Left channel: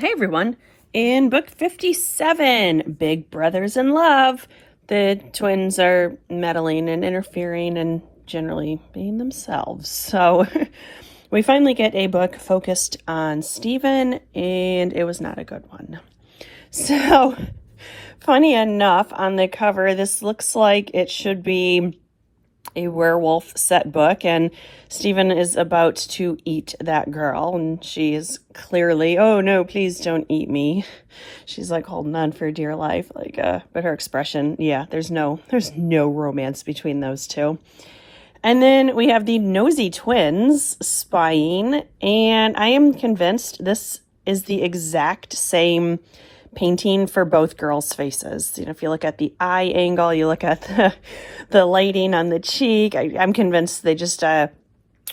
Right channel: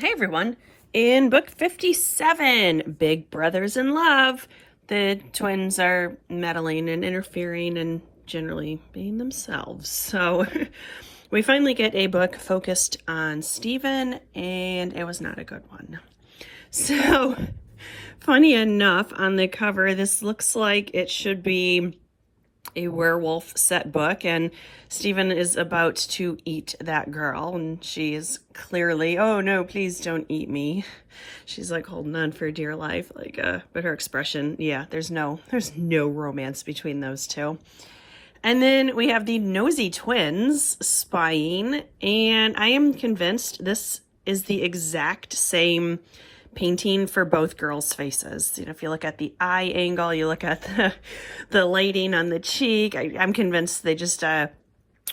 Hey everyone. In book 57, Big Brothers in Love, the twins are meddling and interfering and generally being themselves. So we finally get a book focused on Stephen, and it was not a good one. So, funny enough, on the cover, this looks like it should be a werewolf set book, and Stephen is about to eat that girl, and she is clearly, oh no, please don't eat me. She's like holding on for dear life, but her expression, yeah, there's no romance between those two. And then we have the nosy twins spying, and I am convinced this is the exact same painting for both girls' faces. You know, if you look at the eye angle, you look at the lighting on the cheek, I'm convinced they just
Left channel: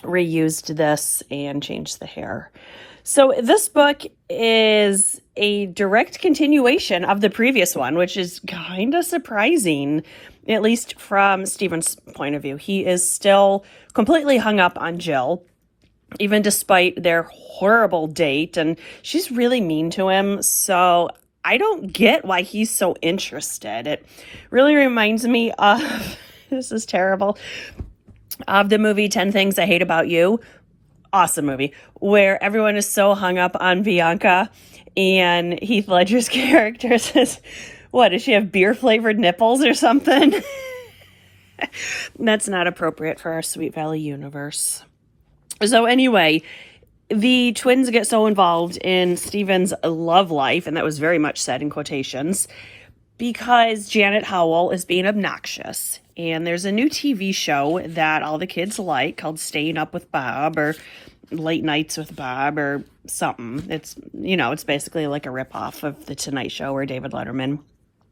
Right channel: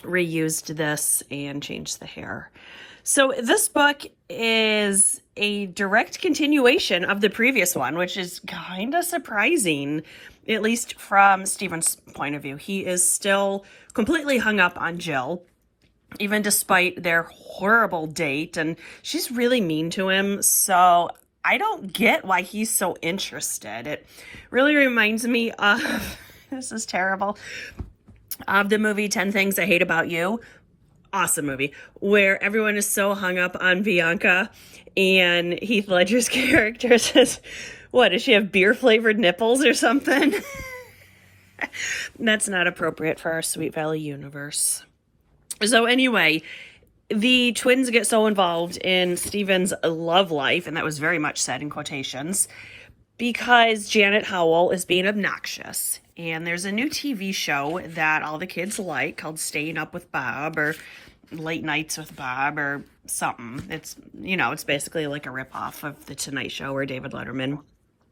reused this and changed the hair. So this book is a direct continuation of the previous one, which is kind of surprising, at least from Stephen's point of view. He is still completely hung up on Jill, even despite their horrible date, and she's really mean to him, so I don't get why he's so interested. It really reminds me of, this is terrible, of the movie 10 Things I Hate About You. Awesome movie, where everyone is so hung up on Bianca, and Heath Ledger's character says, what, does she have beer-flavored nipples or something? That's not appropriate for our Sweet Valley universe. So anyway, the twins get so involved in Stephen's love life, and that was very much said in quotations, because Janet Howell is being obnoxious. And there's a new TV show that all the kids like called Staying Up with Bob, or Late Nights with Bob, or something. It's basically like a ripoff of The Tonight Show or David Letterman.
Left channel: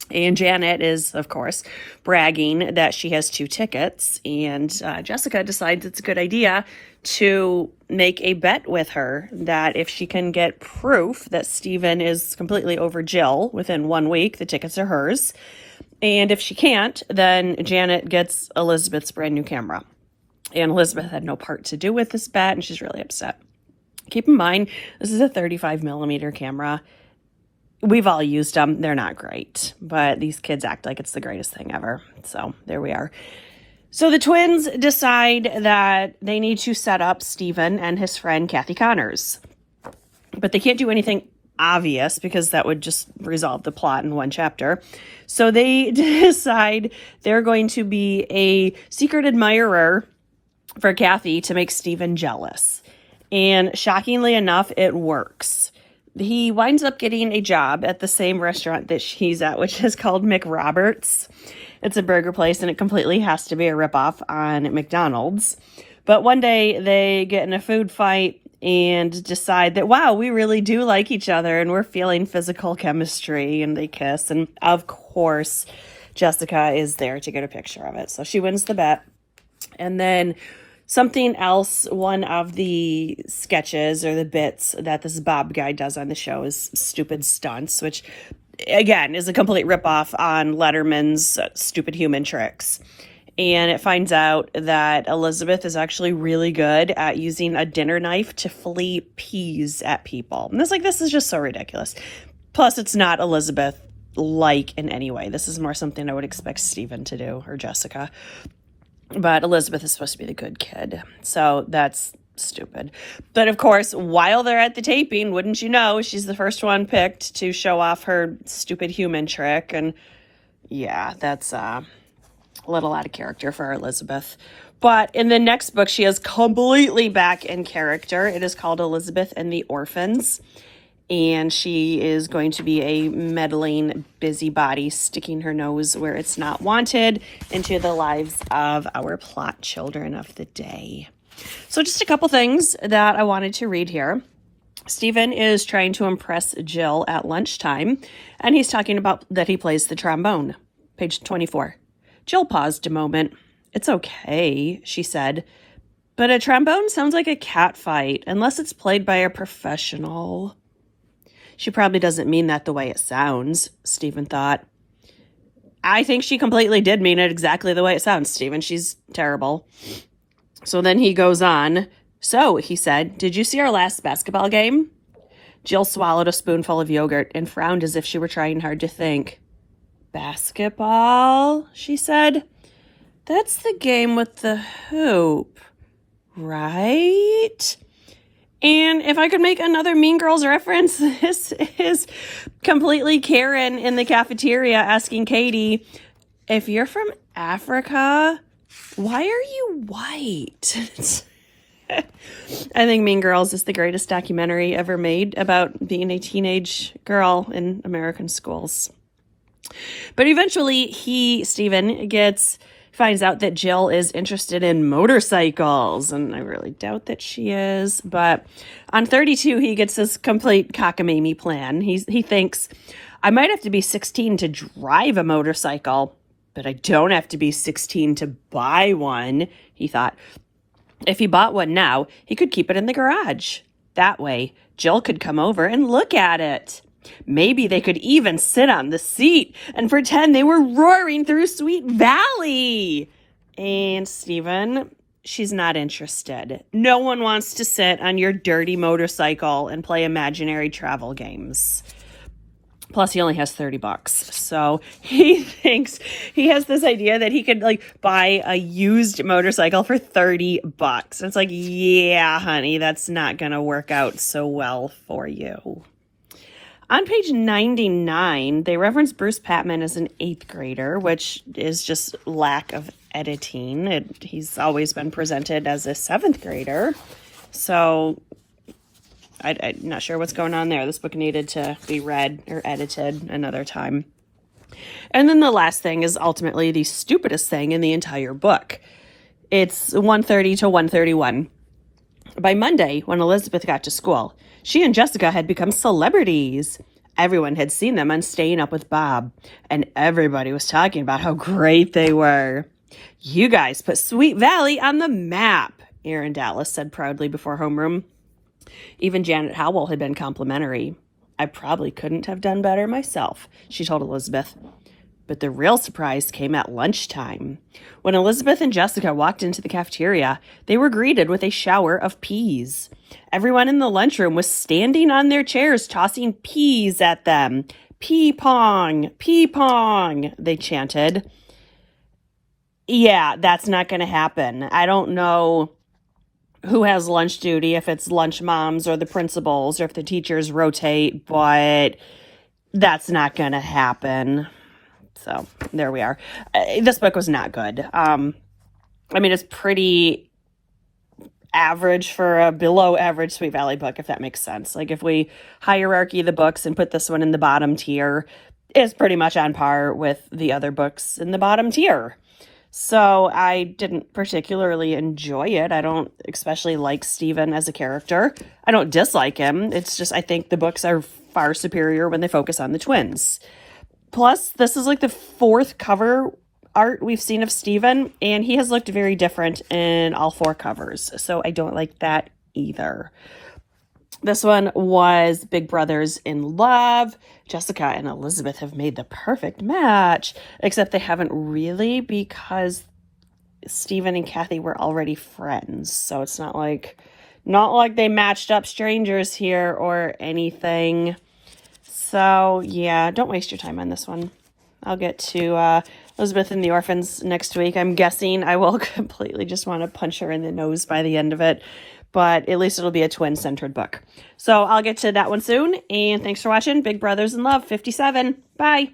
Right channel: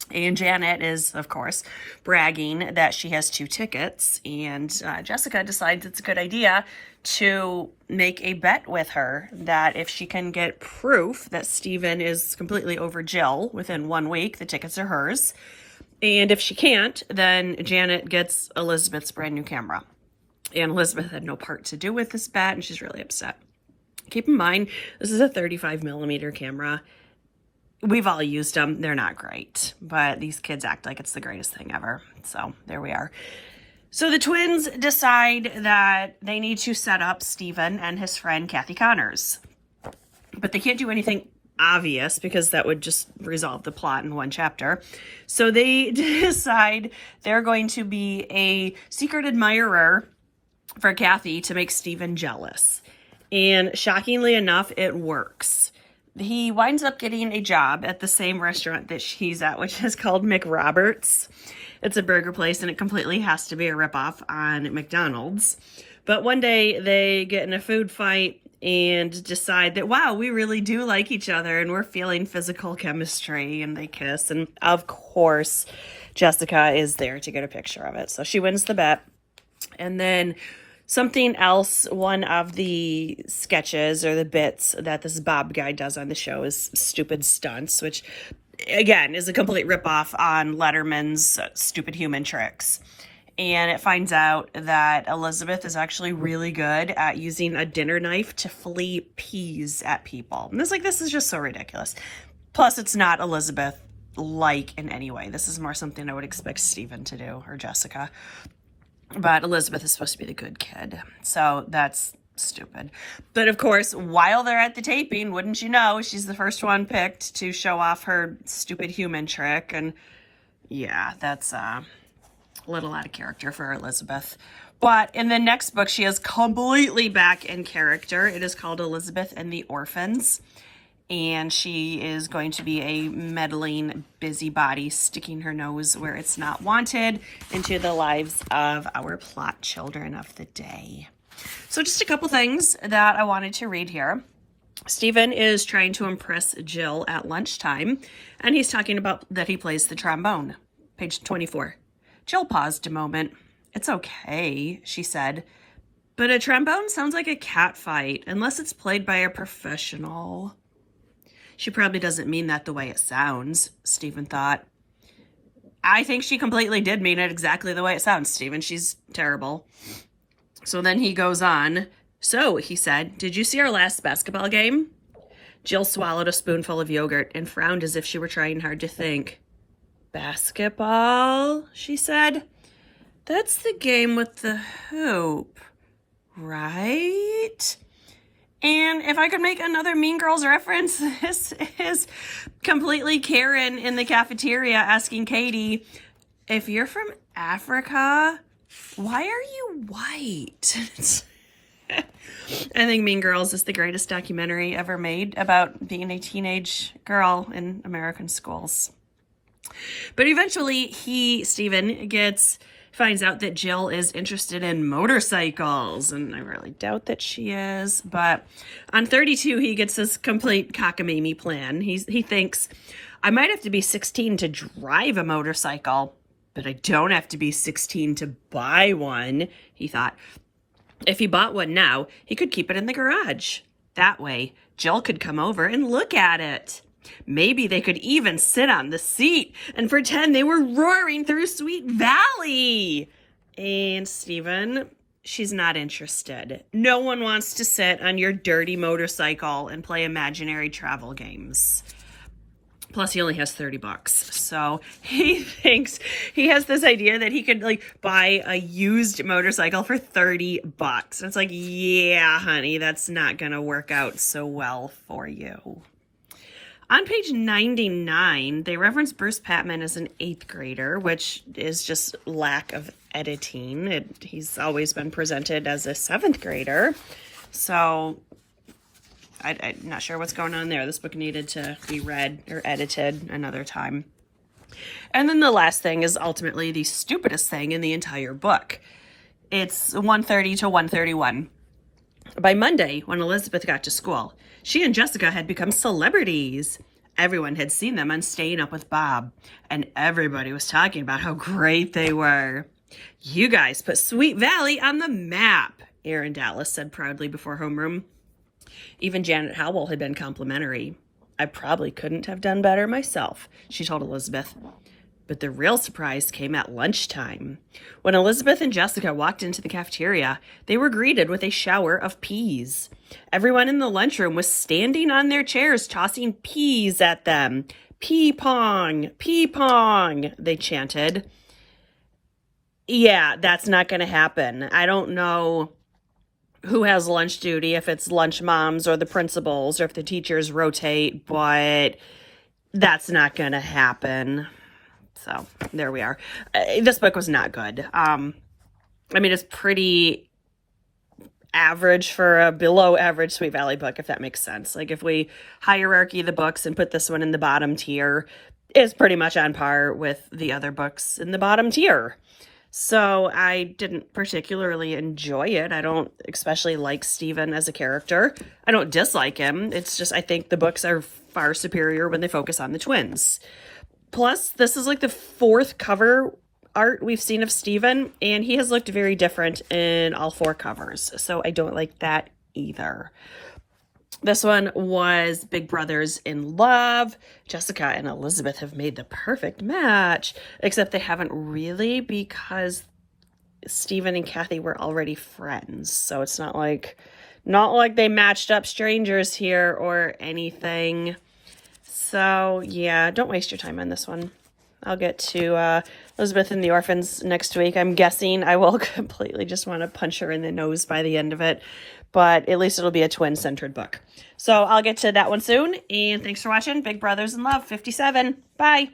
And Janet is, of course, bragging that she has 2 tickets, and Jessica decides it's a good idea to make a bet with her that if she can get proof that Stephen is completely over Jill within 1 week, the tickets are hers. And if she can't, then Janet gets Elizabeth's brand new camera. And Elizabeth had no part to do with this bet, and she's really upset. Keep in mind, this is a 35 millimeter camera. We've all used them. They're not great, but these kids act like it's the greatest thing ever. So there we are. So the twins decide that they need to set up Stephen and his friend Kathy Connors. But they can't do anything obvious because that would just resolve the plot in one chapter. So they decide they're going to be a secret admirer for Kathy to make Stephen jealous. And shockingly enough, it works. He winds up getting a job at the same restaurant that she's at, which is called McRoberts. It's a burger place, and it completely has to be a ripoff on McDonald's. But one day they get in a food fight and decide that, wow, we really do like each other and we're feeling physical chemistry, and they kiss. And of course, Jessica is there to get a picture of it. So she wins the bet. And then something else, one of the sketches or the bits that this Bob guy does on the show is Stupid Stunts, which again is a complete ripoff on Letterman's Stupid Human Tricks. And it finds out that Elizabeth is actually really good at using a dinner knife to flea peas at people. And this is just so ridiculous. Plus, it's not Elizabeth-like in any way. This is more something I would expect Stephen to do, or Jessica. But Elizabeth is supposed to be the good kid. So that's stupid. But of course, while they're at the taping, wouldn't you know, she's the first one picked to show off her stupid human trick. And yeah, that's a little out of character for Elizabeth. But in the next book, she is completely back in character. It is called Elizabeth and the Orphans. And she is going to be a meddling busybody, sticking her nose where it's not wanted into the lives of our plot children of the day. So just a couple things that I wanted to read here. Stephen is trying to impress Jill at lunchtime, and he's talking about that he plays the trombone. Page 24. Jill paused a moment. "It's okay," she said, "but a trombone sounds like a cat fight, unless it's played by a professional." She probably doesn't mean that the way it sounds, Stephen thought. I think she completely did mean it exactly the way it sounds, Stephen. She's terrible. So then he goes on. "So," he said, "did you see our last basketball game?" Jill swallowed a spoonful of yogurt and frowned as if she were trying hard to think. Basketball, she said. That's the game with the hoop, right? And if I could make another Mean Girls reference, this is completely Karen in the cafeteria asking Katie, if you're from Africa, why are you white? I think Mean Girls is the greatest documentary ever made about being a teenage girl in American schools. But eventually Steven finds out that Jill is interested in motorcycles, and I really doubt that she is. But on 32, he gets this complete cockamamie plan. He thinks, I might have to be 16 to drive a motorcycle, but I don't have to be 16 to buy one, he thought. If he bought one now, he could keep it in the garage. That way, Jill could come over and look at it. Maybe they could even sit on the seat and pretend they were roaring through Sweet Valley. And Steven, she's not interested. No one wants to sit on your dirty motorcycle and play imaginary travel games. Plus, he only has $30. So he thinks he has this idea that he could buy a used motorcycle for $30. It's like, yeah, honey, that's not going to work out so well for you. On page 99, they reference Bruce Patman as an 8th grader, which is just lack of editing. He's always been presented as a 7th grader. So I'm not sure what's going on there. This book needed to be read or edited another time. And then the last thing is ultimately the stupidest thing in the entire book. It's 1:30 to 1:31. By Monday, when Elizabeth got to school, she and Jessica had become celebrities. Everyone had seen them on Staying Up with Bob, and everybody was talking about how great they were. You guys put Sweet Valley on the map, Erin Dallas said proudly before homeroom. Even Janet Howell had been complimentary. I probably couldn't have done better myself, she told Elizabeth. But the real surprise came at lunchtime. When Elizabeth and Jessica walked into the cafeteria, they were greeted with a shower of peas. Everyone in the lunchroom was standing on their chairs, tossing peas at them. Pea pong, they chanted. Yeah, that's not going to happen. I don't know who has lunch duty, if it's lunch moms or the principals or if the teachers rotate, but that's not going to happen. So there we are. This book was not good. It's pretty average for a below average Sweet Valley book, if that makes sense. If we hierarchy the books and put this one in the bottom tier, it's pretty much on par with the other books in the bottom tier. So I didn't particularly enjoy it. I don't especially like Steven as a character. I don't dislike him. It's just I think the books are far superior when they focus on the twins. Plus, this is the 4th cover art we've seen of Steven, and he has looked very different in all 4 covers. So I don't like that either. This one was Big Brothers in Love. Jessica and Elizabeth have made the perfect match, except they haven't really because Steven and Kathy were already friends. So it's not like they matched up strangers here or anything. So, yeah, don't waste your time on this one. I'll get to Elizabeth and the Orphans next week. I'm guessing I will completely just want to punch her in the nose by the end of it. But at least it'll be a twin-centered book. So I'll get to that one soon. And thanks for watching Big Brothers in Love 57. Bye.